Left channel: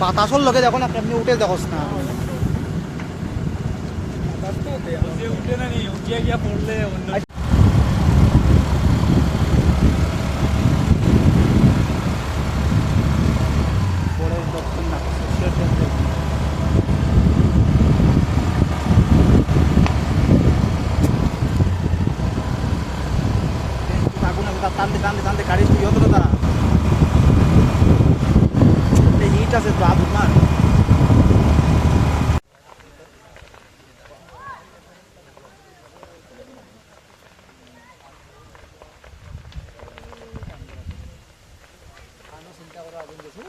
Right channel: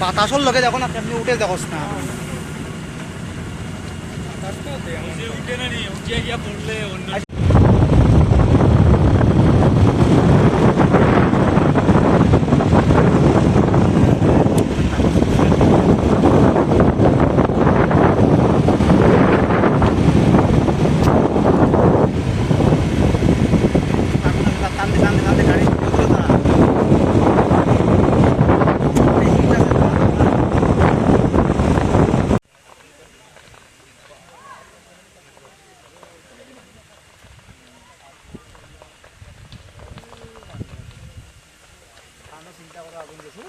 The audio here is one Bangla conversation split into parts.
বাতাসর লগে দেখো না কেমনি উঠে দেখোস না উঠে না নি উঠিয়া গিয়া পড়লে অন্য টানতে টানতে টানতে গাড়ি ইয়ে করে তারা হিট আছে পা তোমার চিন্তা করা আগুন গেছে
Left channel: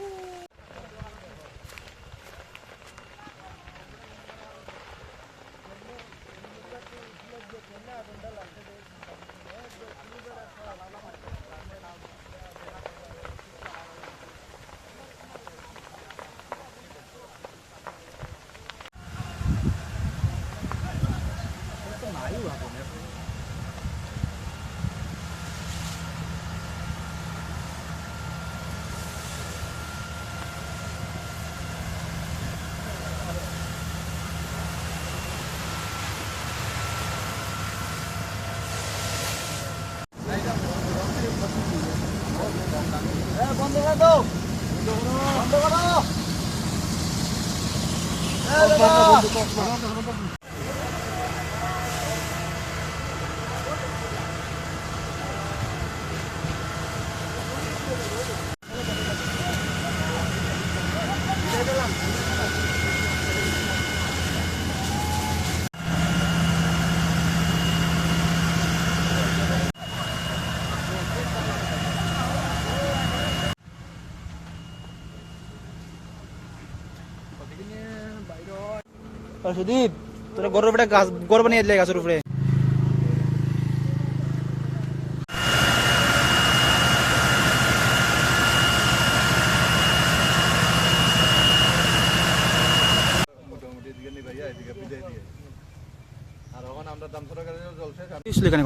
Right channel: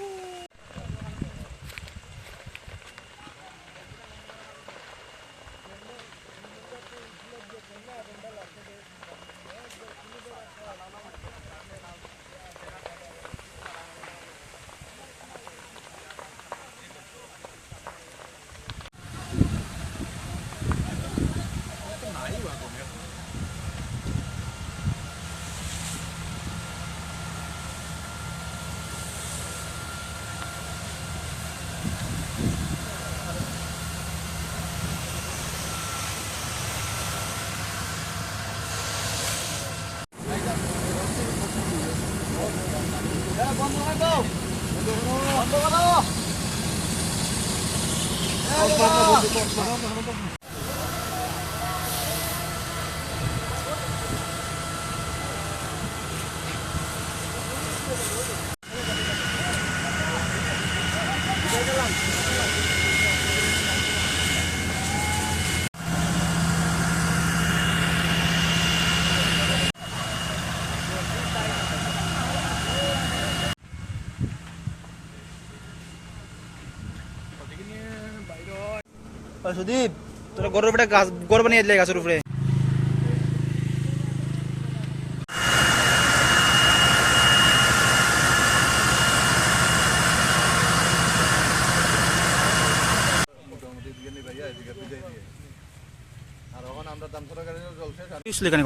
বন্ধ করে দাও বন্ধ করো সুদীপ তোরা গরুর উপরে গাছ গড় বানিয়ে দিলে গাছের উপরে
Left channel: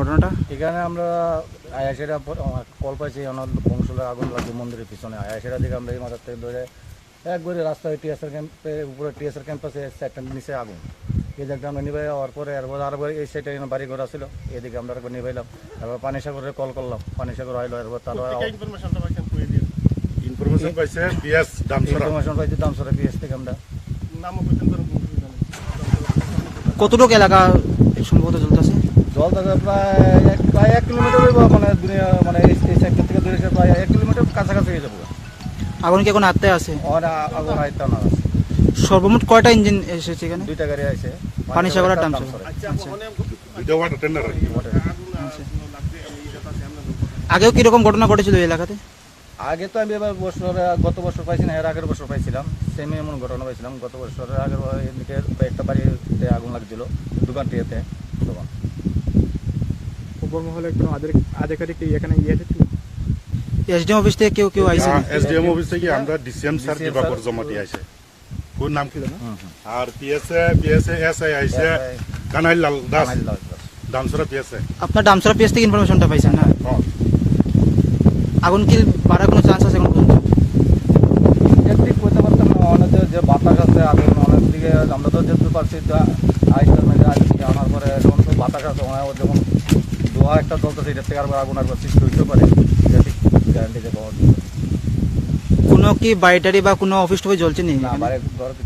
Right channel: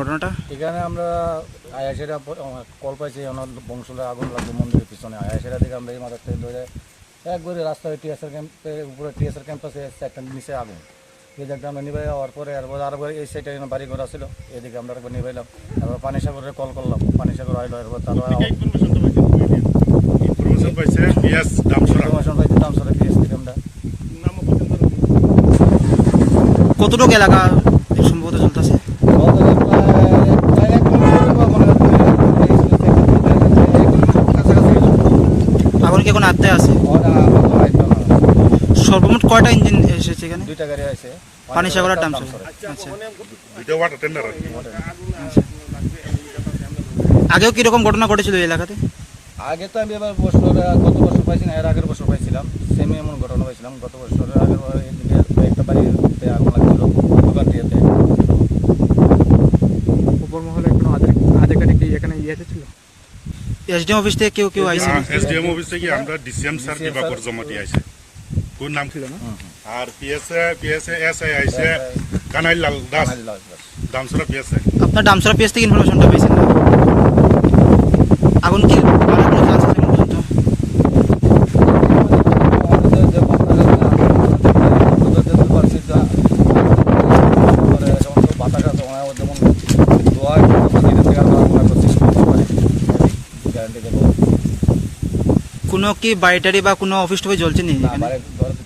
ঘটনাটা এখানে আমরা আয়াসেরা কল পাইছি বংশলের আগুন লাগছে মন্দিরের পিছনে আয়াসেরা দিকে আমরা এই মাথার থেকে ধরে একবারে রাস্তায় টিএসআর ক্যাম্পের উপরে টিএসআর ক্যাম্পাসে একটা নিচে আগুন এই জায়গাটা আমরা নিভাই হওয়ার পরে আরবার এই সাইডে বাড়ি ঘর ছিল এদিকে আমরা একবার নিভাইলাম তারপর পানি সাগরে কল করলাম পানি সাগর আইলো এরপর তারপর ইনফরমেশন পাইছে দামসরা পিএস থেকে আমরা কতটুকু এলাকা সম্ভবত চলতেছে প্রায় 1 কিলোমিটার মানে প্রায় 1 কিলোমিটার কাছাকাছি গেল আগুন কি কোনো আত্মায় আছে সর্বমোট কয়টা ইঞ্জিন এসেছে এখানে 2টা গাড়ি আছে পানি সাগর আর ডামসার আচ্ছা আগেও কিরকম ঘটনা ঘটেছিল এই এলাকাতে আগে তো আমি এবার গত বছর পাইছি না এর আগের বছর পাইছিলাম সেম এমন ঘটনা পাইছিলাম গত বছরের আগের এদিকে একটা বাড়িতে আগুন লাগছিল দোকানটিতে এসডিএম অফিস থেকে কেউ আইছে এসডিএম অফিস থেকে আমরা ডিসিএম স্যার দিবাকর জমাতি আইছে কোন নাম ছিল আর পিএসএ এসআই আইছে কানাইলাল দাস ডামসরা পিএসএ আপনার ডামসরা পিএস থেকে ইনফরমেশনটা পাইছেন না আগুন কি বাড়ার কোনো চান্স আছে এখন পর্যন্ত আমাদের যে বাতাস আছে আমরা তো যেতে পারছি বাতাস আছে যেমন ধোয়া এটা থেকে আগুন আগুন সৃষ্টি করতে পারে গ্যারান্টি দেবো কোনো কি বাড়ি টাড়ি বা কোনো অফিস টফিস জ্বলছে নি না